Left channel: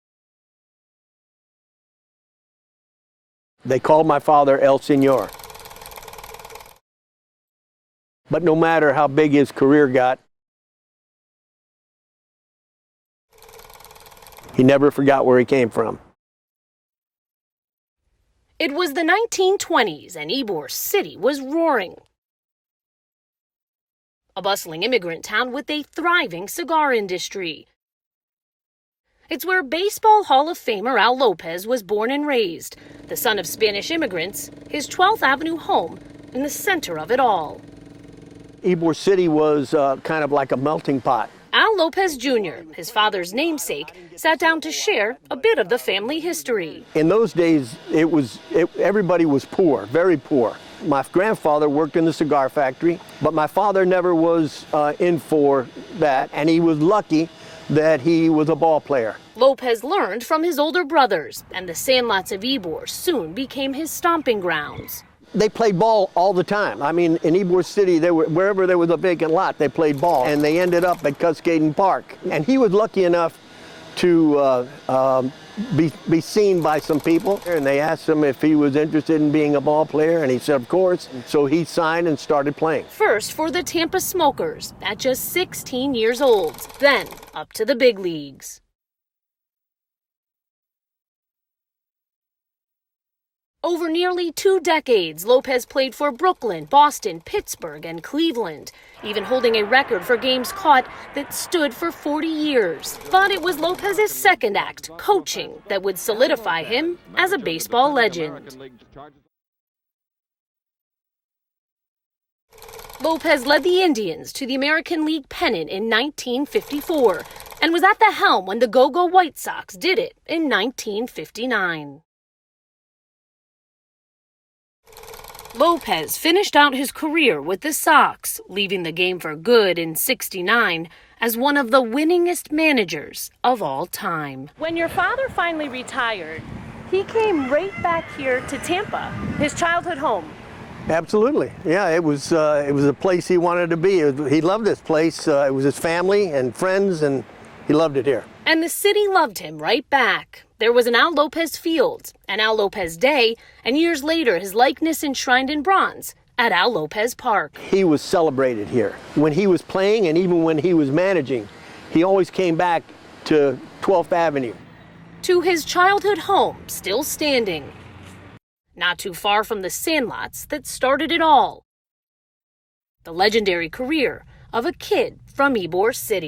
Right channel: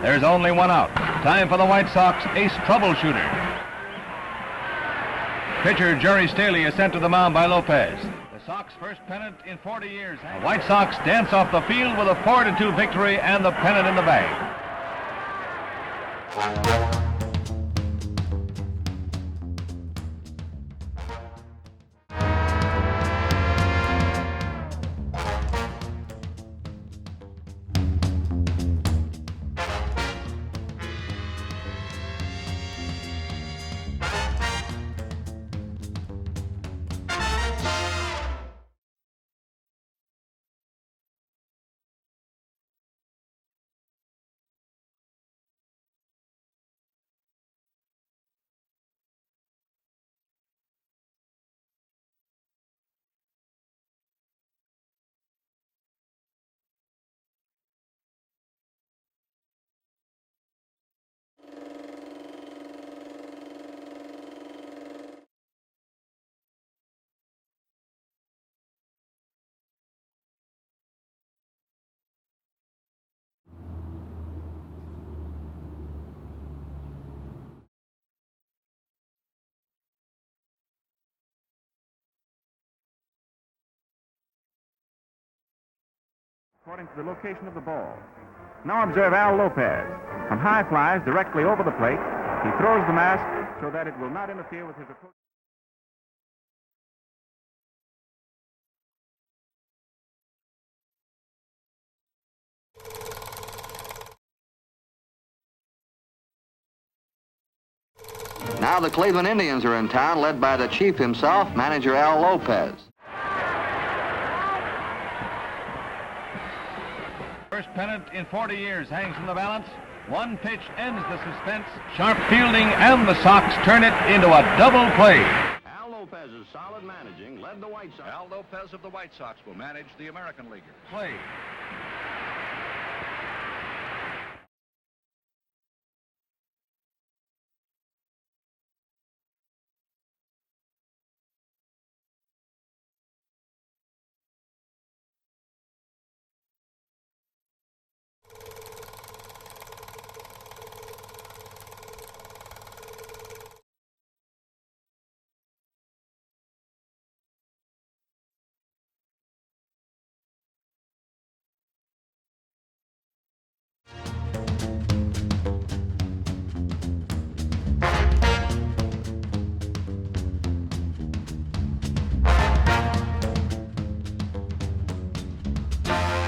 There's only one out. Time for the White Sox ace troubleshooter. They called my father El Senor. Pitcher Jerry Staley is sent to the mound by Lopez. But no matter how big his career got, The White Sox dance off the field with a 4-2 victory and the pennant in the bag. he never forgot where he came from. It was the 1920s and Ybor City was roaring. A bustling immigrant town with a thriving cigar industry. It's where Baseball Hall of Famer Al Lopez was born and raised. The son of Spanish immigrants, his 12th Avenue home in the center of it all. Ybor City was kind of like a melting pot. Al Lopez Jr., his father's namesake, sat down to share a bit of the family history. In those days, everybody was poor, very poor. My grandfather worked in the cigar factory, but my father never was in for that, and he was lucky that he was a ball player. Lopez learned from his older brothers, and the sandlots of Ybor soon became his stomping grounds. They played ball all the time. I mean, in Ybor City, wherever there was a vacant lot, they played ball, and they ended up at Cascading Park. And he was lucky enough to be seen by some people, and they asked him if he was interested in being a ball player, and he said, of course. So he signed and started playing. First for the Tampa Smokers at just 16 years old, then up to the big leagues. Now observe Al Lopez. On high flies directly over the plate, he throws the mask. Over nearly 2 decades, Lopez played for Brooklyn, Boston, Pittsburgh, and Cleveland, even holding a record for games caught that stood for 40 years. But it was Lopez's second act, coaching, that would solidify him as a baseball legend. Now the Cleveland Indians are in town, led by the chief himself, manager Al Lopez. Lopez led the Indians to the American League pennant in 1954 and was at the helm when the Go-Go White Sox did it in 1959. Sharp fielding and the Sox turn it into a double play. Lopez finished out his career with the Sox, leaving the game for good in '69 as one of the winningest managers of all time. When your father finally retired, he came right back here to Tampa, his childhood home. Absolutely. Yeah, it was a place he wanted to be. He loved this place. It was his family and friends, and he loved it here. And the city loved him right back. There was an Al Lopez Field, an Al Lopez Day, and years later his likeness enshrined in bronze at Al Lopez Park. He was celebrated here. When he was playing and even when he was managing, he always came back to 12th Avenue. To his childhood home, still standing. Not too far from the sandlots that started it all. The legendary career of a kid from Ybor City.